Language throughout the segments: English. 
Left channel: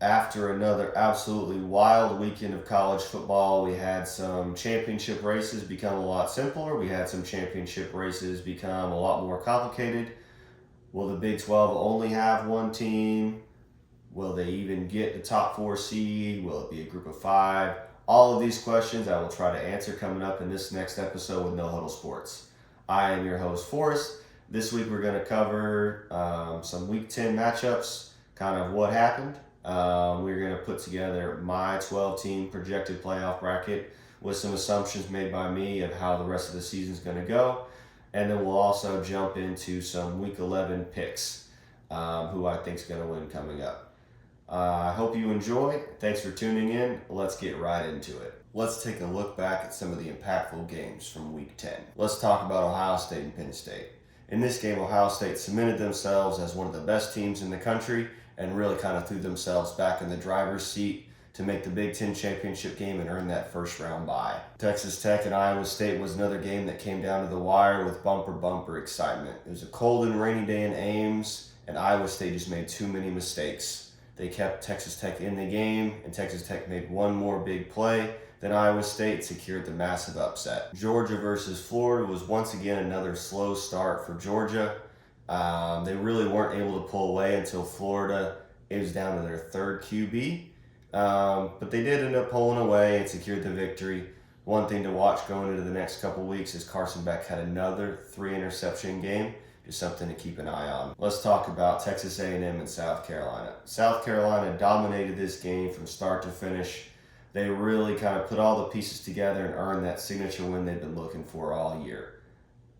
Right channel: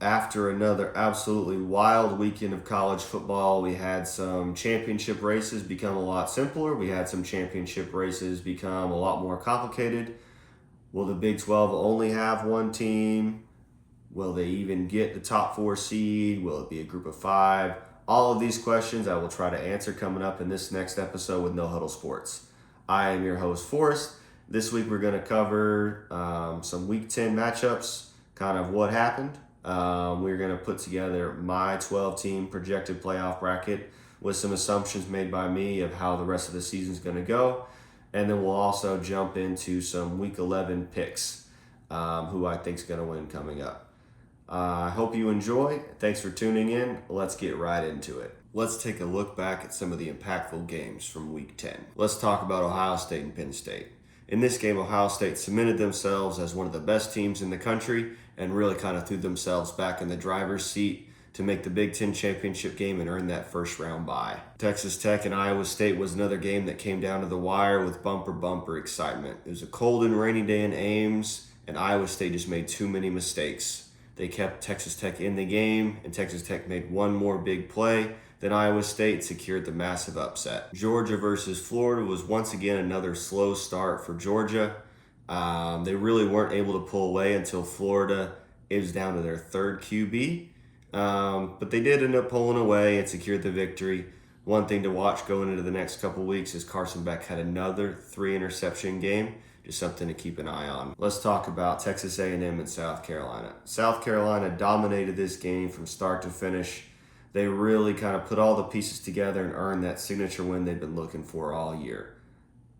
After another absolutely wild weekend of college football, we had some championship races become a lot simpler. We had some championship races become a lot more complicated. Will the Big 12 only have one team? Will they even get the top 4 seed? Will it be a group of 5? All of these questions I will try to answer coming up in this next episode with No Huddle Sports. I am your host, Forrest. This week we're going to cover some Week 10 matchups, kind of what happened. We're going to put together my 12-team projected playoff bracket with some assumptions made by me of how the rest of the season is going to go. And then we'll also jump into some Week 11 picks, who I think is going to win coming up. I hope you enjoy. Thanks for tuning in. Let's get right into it. Let's take a look back at some of the impactful games from Week 10. Let's talk about Ohio State and Penn State. In this game, Ohio State cemented themselves as one of the best teams in the country and really kind of threw themselves back in the driver's seat to make the Big Ten championship game and earn that first round bye. Texas Tech and Iowa State was another game that came down to the wire with bumper excitement. It was a cold and rainy day in Ames, and Iowa State just made too many mistakes. They kept Texas Tech in the game, and Texas Tech made one more big play. Then Iowa State secured the massive upset. Georgia versus Florida was once again another slow start for Georgia. They really weren't able to pull away until Florida. It was down to their third QB. But they did end up pulling away and secured the victory. One thing to watch going into the next couple weeks is Carson Beck had another 3-interception game. Just something to keep an eye on. Let's talk about Texas A&M and South Carolina. South Carolina dominated this game from start to finish. They really kind of put all the pieces together and earned that signature win they've been looking for all year.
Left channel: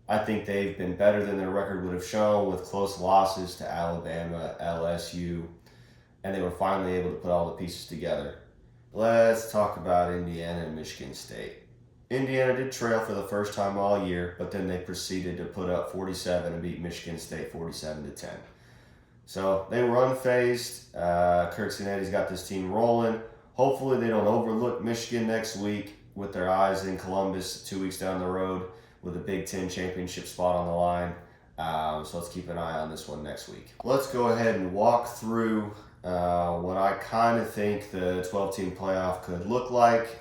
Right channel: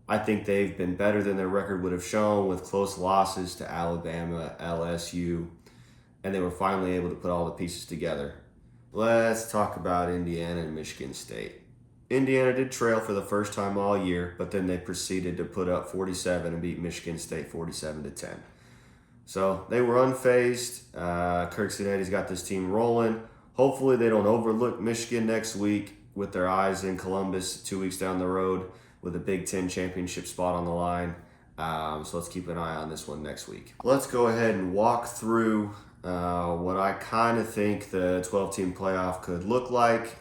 I think they've been better than their record would have shown with close losses to Alabama, LSU, and they were finally able to put all the pieces together. Let's talk about Indiana and Michigan State. Indiana did trail for the first time all year, but then they proceeded to put up 47 and beat Michigan State 47-10. So they were unfazed. Kirk Cinetti's got this team rolling. Hopefully they don't overlook Michigan next week with their eyes in Columbus 2 weeks down the road with a Big Ten championship spot on the line. So let's keep an eye on this one next week. Let's go ahead and walk through what I kind of think the 12-team playoff could look like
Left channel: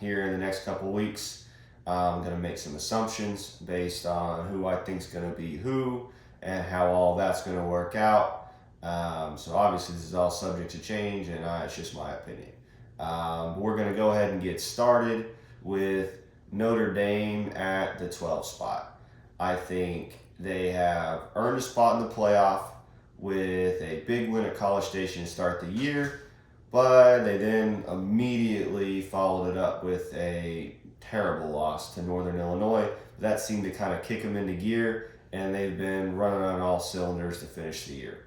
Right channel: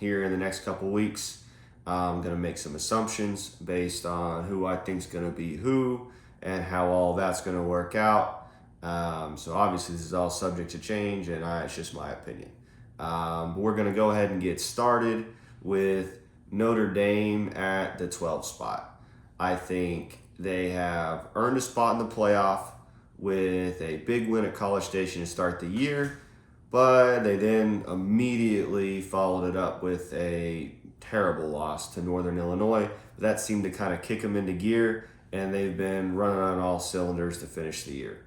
here in the next couple weeks. I'm going to make some assumptions based on who I think is going to be who and how all that's going to work out. So obviously this is all subject to change, and it's just my opinion. But we're going to go ahead and get started with Notre Dame at the 12 spot. I think they have earned a spot in the playoff with a big win at College Station to start the year, but they then immediately followed it up with a terrible loss to Northern Illinois. That seemed to kind of kick them into gear, and they've been running on all cylinders to finish the year.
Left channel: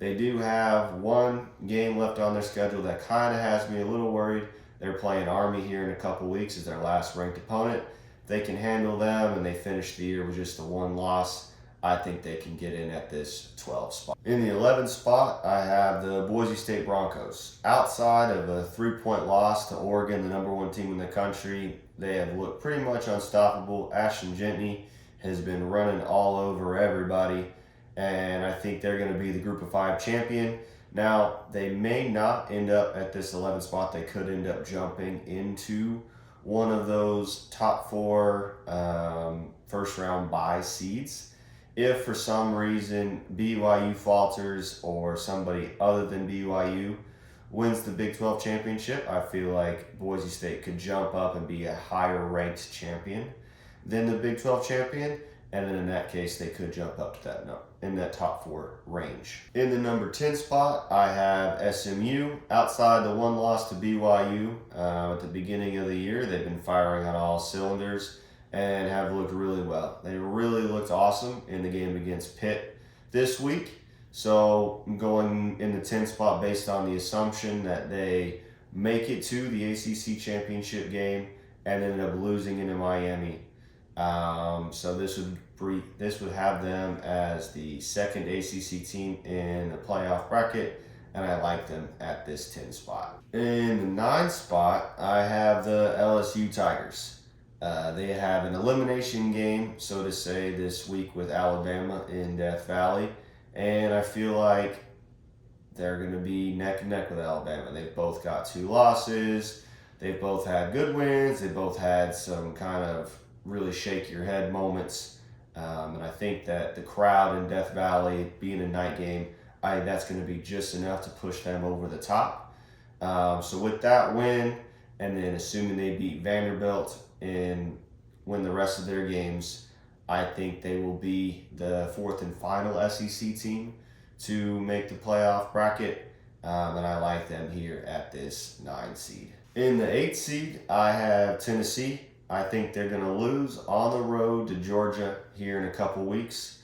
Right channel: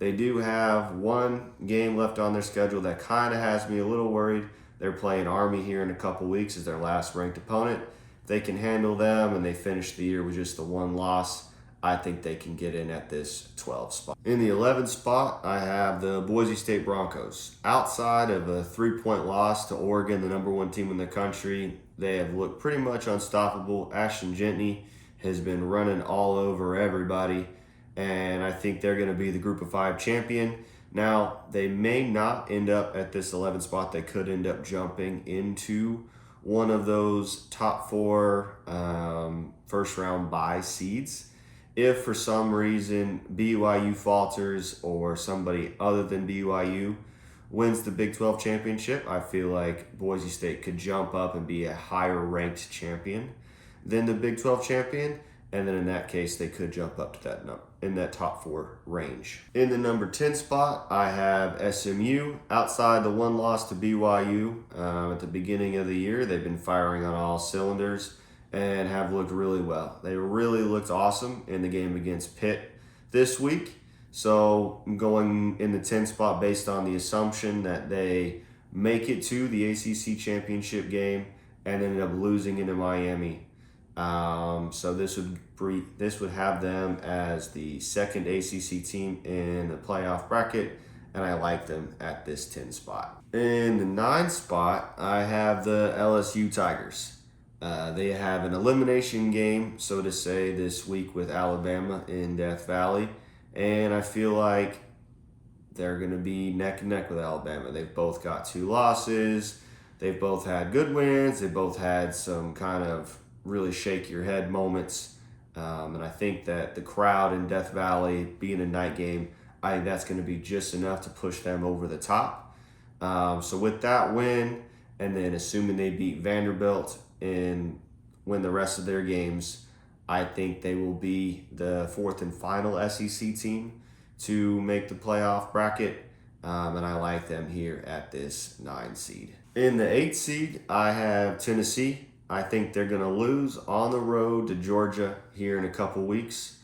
They do have one game left on their schedule that kind of has me a little worried. They're playing Army here in a couple weeks as their last ranked opponent. If they can handle them and they finish the year with just the one loss, I think they can get in at this 12 spot. In the 11th spot, I have the Boise State Broncos. Outside of a 3-point loss to Oregon, the number 1 team in the country, they have looked pretty much unstoppable. Ashton Jentney has been running all over everybody, and I think they're going to be the Group of 5 champion. Now, they may not end up at this 11th spot. They could end up jumping into one of those top 4 first-round bye seeds. If for some reason BYU falters or somebody other than BYU wins the Big 12 championship, I feel like Boise State could jump up and be a higher ranked champion than the Big 12 champion. And then in that case, they could jump up to that number in that top 4 range. In the number 10 spot, I have SMU. Outside the one loss to BYU at the beginning of the year, they've been firing on all cylinders and have looked really well. They really looked awesome in the game against Pitt this week. So I'm going in the 10th spot based on the assumption that they make it to the ACC championship game and end up losing into Miami. So this would have them as the second ACC team in the playoff bracket, and I like them at this 10 spot. In the 9th spot, I have the LSU Tigers. They have an elimination game, so to say, this week with Alabama in Death Valley, and I feel like they're going to be neck and neck with Alabama. They've both got 2 losses. They've both had good wins. They both had some kind of really shake your head moments. And I think that the crowd in Death Valley, being a night game, I think that's going to be just enough to push them over the top. So with that win, and then assuming they beat Vanderbilt and win the rest of their games, I think they will be the 4th and final SEC team to make the playoff bracket. And I like them here at this 9 seed. In the 8th seed, I have Tennessee. I think they're going to lose on the road to Georgia here in a couple weeks.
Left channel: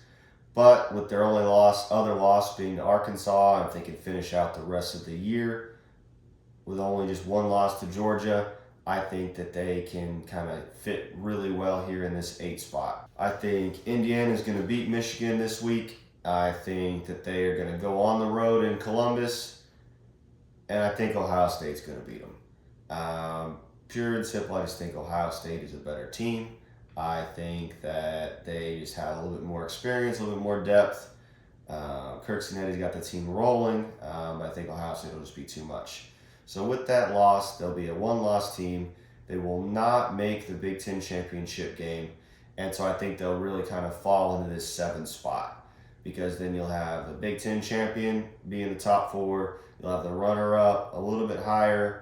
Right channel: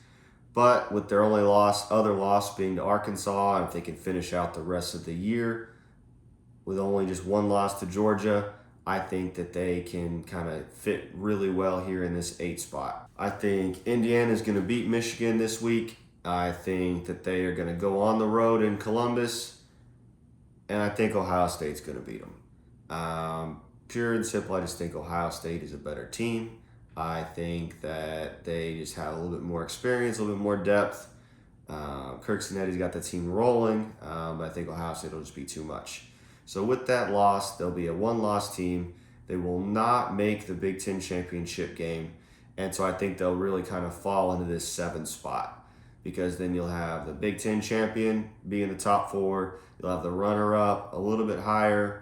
But with their only other loss being to Arkansas, and if they can finish out the rest of the year with only just 1 loss to Georgia, I think that they can kind of fit really well here in this 8 spot. I think Indiana is going to beat Michigan this week. I think that they are going to go on the road in Columbus. And I think Ohio State's going to beat them. Pure and simple, I just think Ohio State is a better team. I think that they just have a little bit more experience, a little bit more depth. Kirk Cinetti's got the team rolling, but I think Ohio State will just be too much. So with that loss, they'll be a 1-loss team. They will not make the Big Ten championship game. And so I think they'll really kind of fall into this 7 spot, because then you'll have the Big Ten champion be in the top 4. You'll have the runner-up a little bit higher.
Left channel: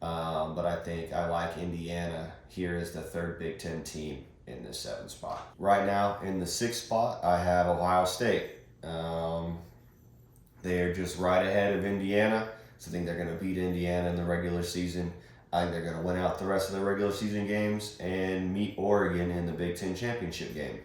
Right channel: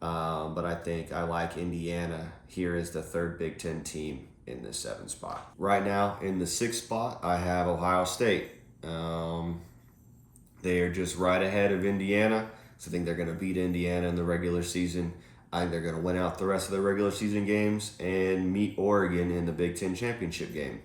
But I think I like Indiana here as the 3rd Big Ten team in the 7 spot. Right now, in the 6th spot, I have Ohio State. They are just right ahead of Indiana. So I think they're going to beat Indiana in the regular season. I think they're going to win out the rest of the regular season games and meet Oregon in the Big Ten championship game.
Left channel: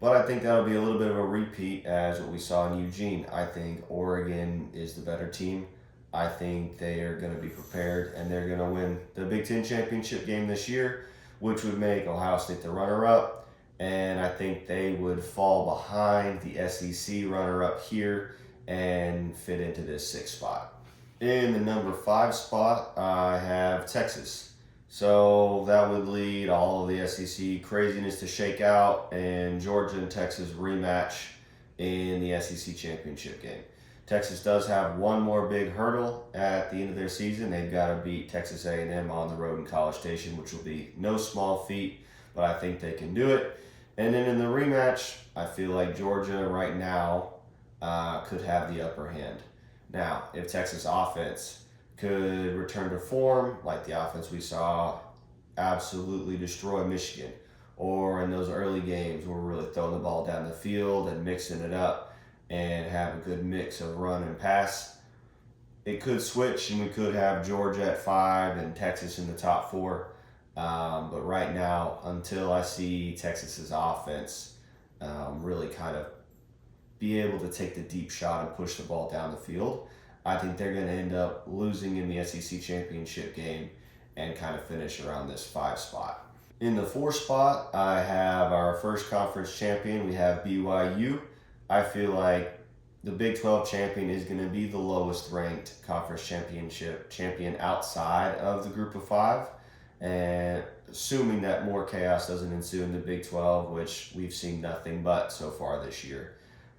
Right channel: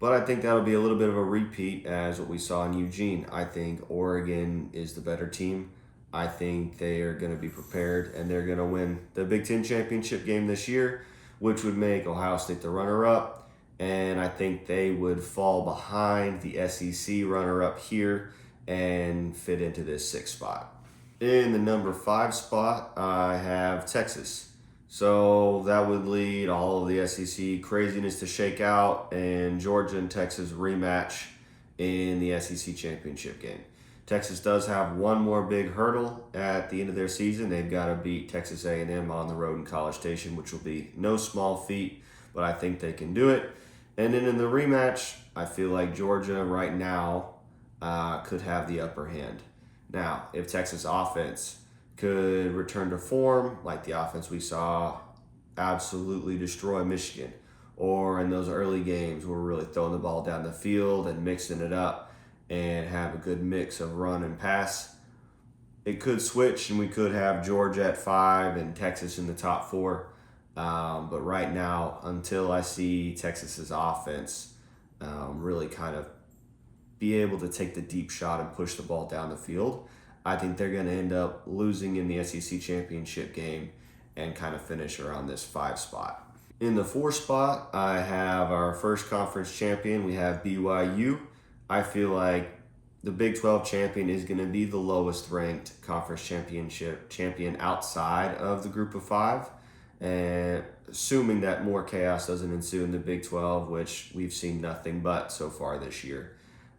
But I think that'll be a little bit of a repeat as what we saw in Eugene. I think Oregon is the better team. I think they are going to be prepared, and they're going to win the Big Ten championship game this year, which would make Ohio State the runner-up. And I think they would fall behind the SEC runner-up here and fit into this 6th spot. In the number 5 spot, I have Texas. So that would lead all of the SEC craziness to shake out, and Georgia and Texas rematch in the SEC championship game. Texas does have one more big hurdle at the end of their season. They've got to beat Texas A&M on the road in College Station, which will be no small feat, but I think they can do it. And then in the rematch, I feel like Georgia right now could have the upper hand. Now, if Texas offense could return to form, like the offense we saw absolutely destroy Michigan, or in those early games where we're really throwing the ball down the field and mixing it up, and have a good mix of run and pass, it could switch, and we could have Georgia at 5 and Texas in the top 4. But right now, until I see Texas's offense really kind of be able to take the deep shot and push the ball down the field, I think they're going to end up losing in the SEC championship game and kind of finish around this 5 spot. In the 4 spot, I have our first conference champion. We have BYU. I feel like the Big 12 champion is going to be the lowest ranked conference champion outside of the group of 5. And assuming that more chaos doesn't ensue in the Big 12, which we've seen nothing but so far this year,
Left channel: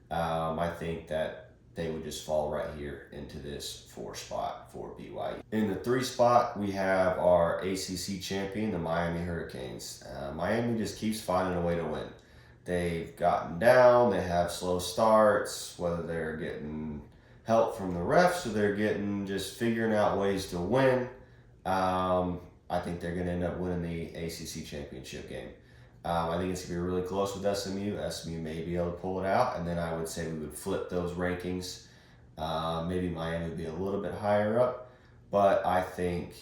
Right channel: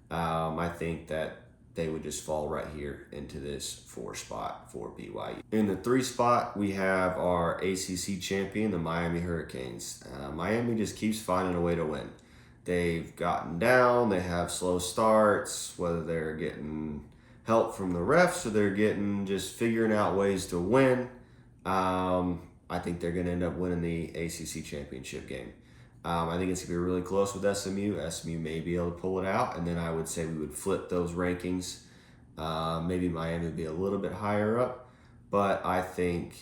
I think that they would just fall right here into this 4 spot for BYU. In the 3 spot, we have our ACC champion, the Miami Hurricanes. Miami just keeps finding a way to win. They've gotten down, they have slow starts, whether they're getting help from the refs or they're getting just figuring out ways to win. I think they're going to end up winning the ACC championship game. I think it's going to be really close with SMU. SMU may be able to pull it out, and then I would say we would flip those rankings. Maybe Miami would be a little bit higher up, but I think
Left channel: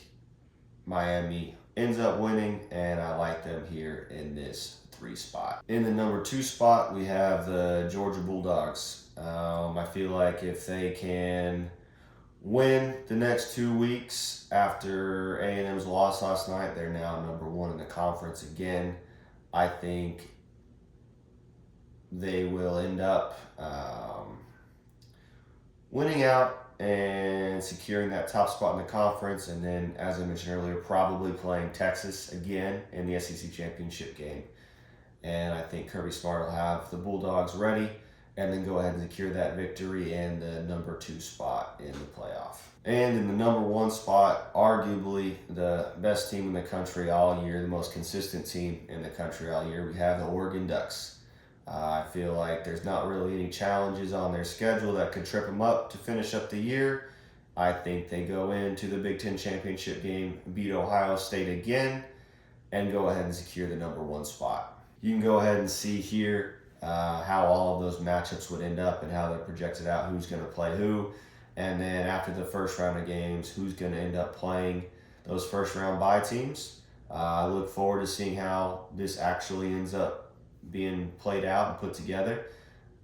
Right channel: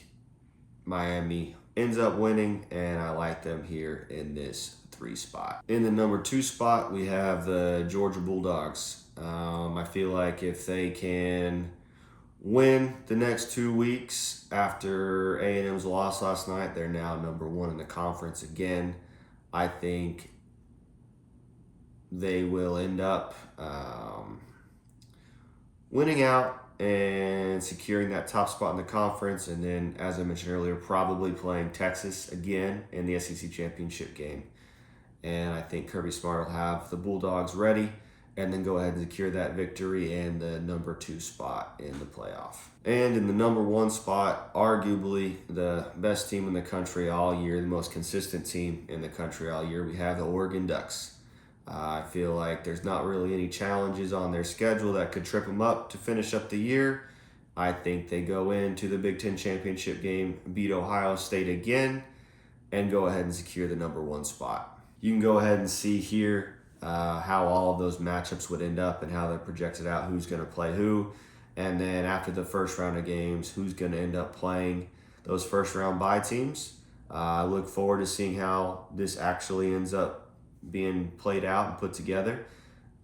Miami ends up winning, and I like them here in this 3 spot. In the number 2 spot, we have the Georgia Bulldogs. I feel like if they can win the next 2 weeks after A&M's loss last night, they're now number 1 in the conference again. I think they will end up winning out and securing that top spot in the conference, and then, as I mentioned earlier, probably playing Texas again in the SEC championship game. And I think Kirby Smart will have the Bulldogs ready, and then go ahead and secure that victory and the number 2 spot in the playoff. And in the number 1 spot, arguably the best team in the country all year, the most consistent team in the country all year, we have the Oregon Ducks. I feel like there's not really any challenges on their schedule that could trip them up to finish up the year. I think they go into the Big Ten championship game, beat Ohio State again, and go ahead and secure the number 1 spot. You can go ahead and see here how all of those matchups would end up and how they're projected out, who's going to play who. And then after the first round of games, who's going to end up playing those first round bye teams. I look forward to seeing how this actually ends up being played out and put together.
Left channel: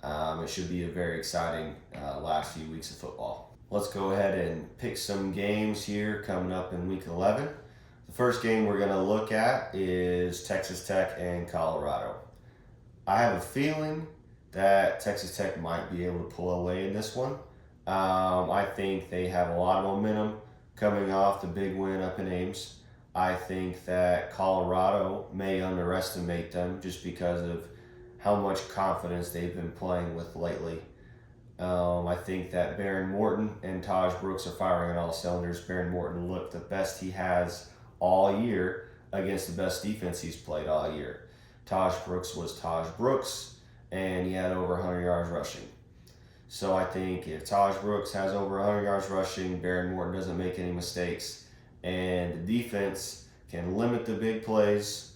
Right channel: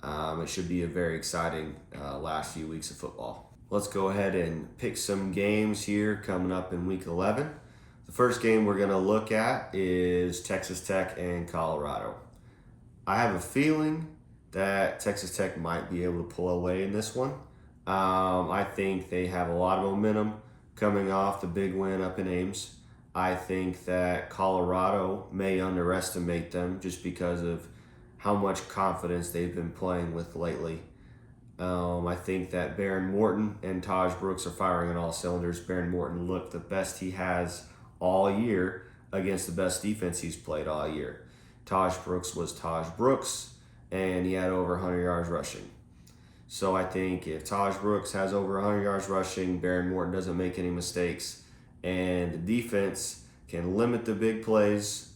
It should be a very exciting last few weeks of football. Let's go ahead and pick some games here coming up in week 11. The first game we're going to look at is Texas Tech and Colorado. I have a feeling that Texas Tech might be able to pull away in this one. I think they have a lot of momentum coming off the big win up in Ames. I think that Colorado may underestimate them just because of how much confidence they've been playing with lately. I think that Baron Morton and Taj Brooks are firing on all cylinders. Baron Morton looked the best he has all year against the best defense he's played all year. Taj Brooks was Taj Brooks, and he had over 100 yards rushing. So I think if Taj Brooks has over 100 yards rushing, Baron Morton doesn't make any mistakes, and the defense can limit the big plays,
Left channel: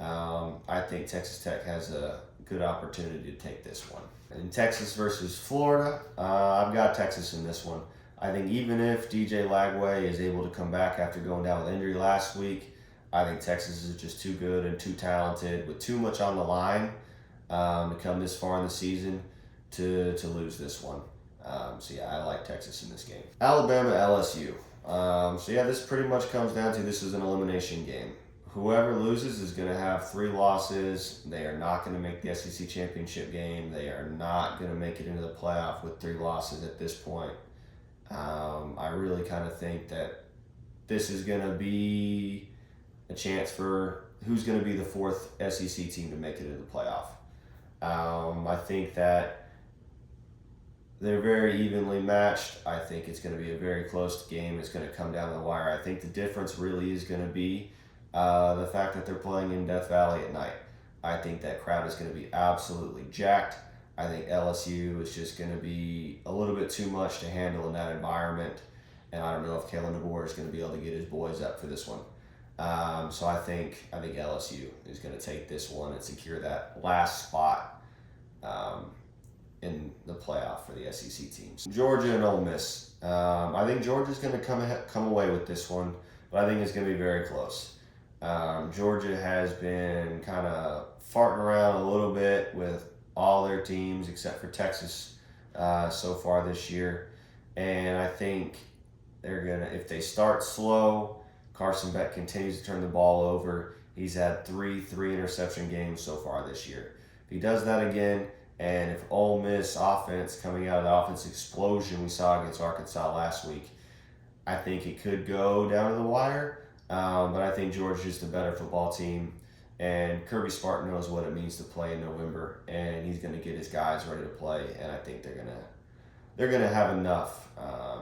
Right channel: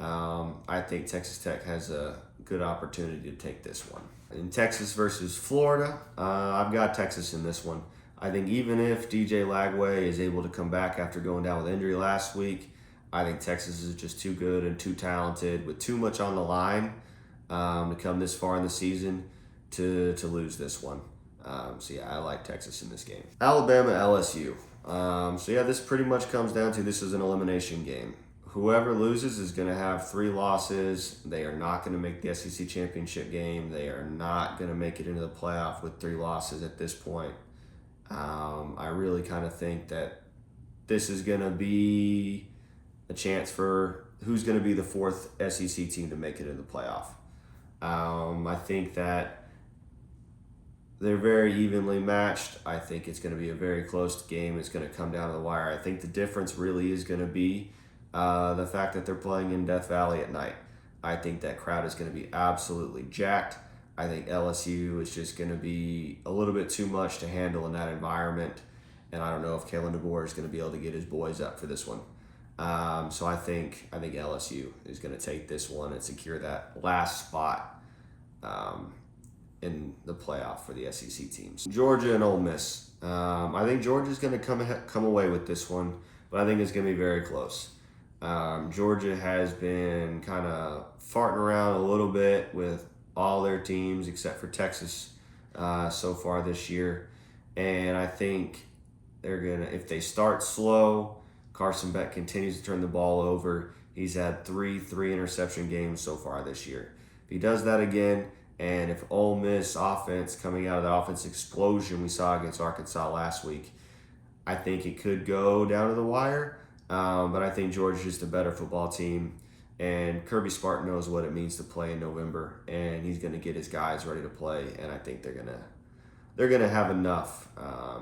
I think Texas Tech has a good opportunity to take this one. In Texas versus Florida, I've got Texas in this one. I think even if DJ Lagway is able to come back after going down with injury last week, I think Texas is just too good and too talented with too much on the line to come this far in the season to lose this one. So yeah, I like Texas in this game. Alabama, LSU. This pretty much comes down to this is an elimination game. Whoever loses is going to have 3 losses. They are not going to make the SEC championship game. They are not going to make it into the playoff with 3 losses at this point. I really kind of think that this is going to be a chance for who's going to be the 4th SEC team to make it into the playoff. I think that they're very evenly matched. I think it's going to be a very close game. It's going to come down to the wire. I think the difference really is going to be the fact that they're playing in Death Valley at night. I think that crowd is going to be absolutely jacked. I think LSU is just going to be a little bit too much to handle in that environment. And I don't know if Kalen DeBoer is going to be able to get his boys up for this one. So I think LSU is going to take this one and secure that last spot in the playoff for the SEC teams. Georgia and Ole Miss. I think Georgia's going to come away with this one, but I think it's going to be very close. Georgia has been kind of farting around a little bit with all their teams except for Texas so far this year. And I think they're going to, if they start slow, Carson Beck continues to turn the ball over. He's had 3 interception games so far this year. If he does that again, and if Ole Miss offense coming out of the offense explosion we saw against Arkansas last week, I think it could go down to the wire. But I think Georgia's just a better football team, and Kirby Smart knows what it means to play in November, and he's going to get his guys ready to play, and I think they're gonna have enough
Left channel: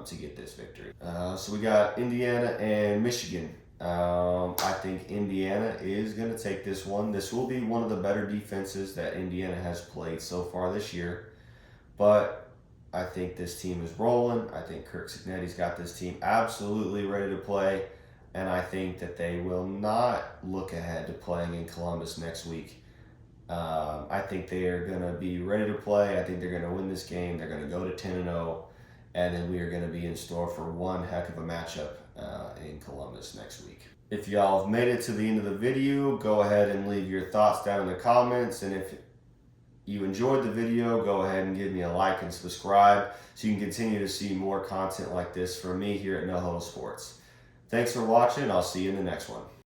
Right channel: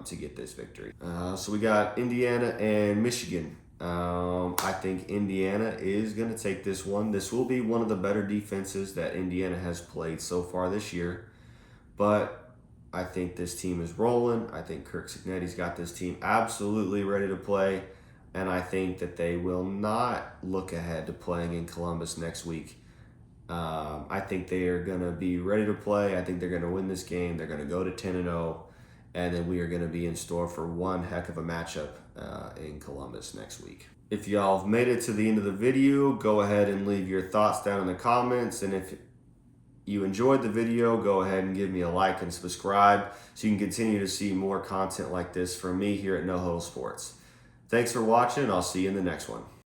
to get this victory. So we got Indiana and Michigan. I think Indiana is going to take this one. This will be one of the better defenses that Indiana has played so far this year, but I think this team is rolling. I think Kirk Cignetti's got this team absolutely ready to play. And I think that they will not look ahead to playing in Columbus next week. I think they are going to be ready to play. I think they're going to win this game. They're going to go to 10-0. And then we are going to be in store for one heck of a matchup in Columbus next week. If y'all have made it to the end of the video, go ahead and leave your thoughts down in the comments. And if you enjoyed the video, go ahead and give me a like and subscribe so you can continue to see more content like this from me here at No Huddle Sports. Thanks for watching. I'll see you in the next one.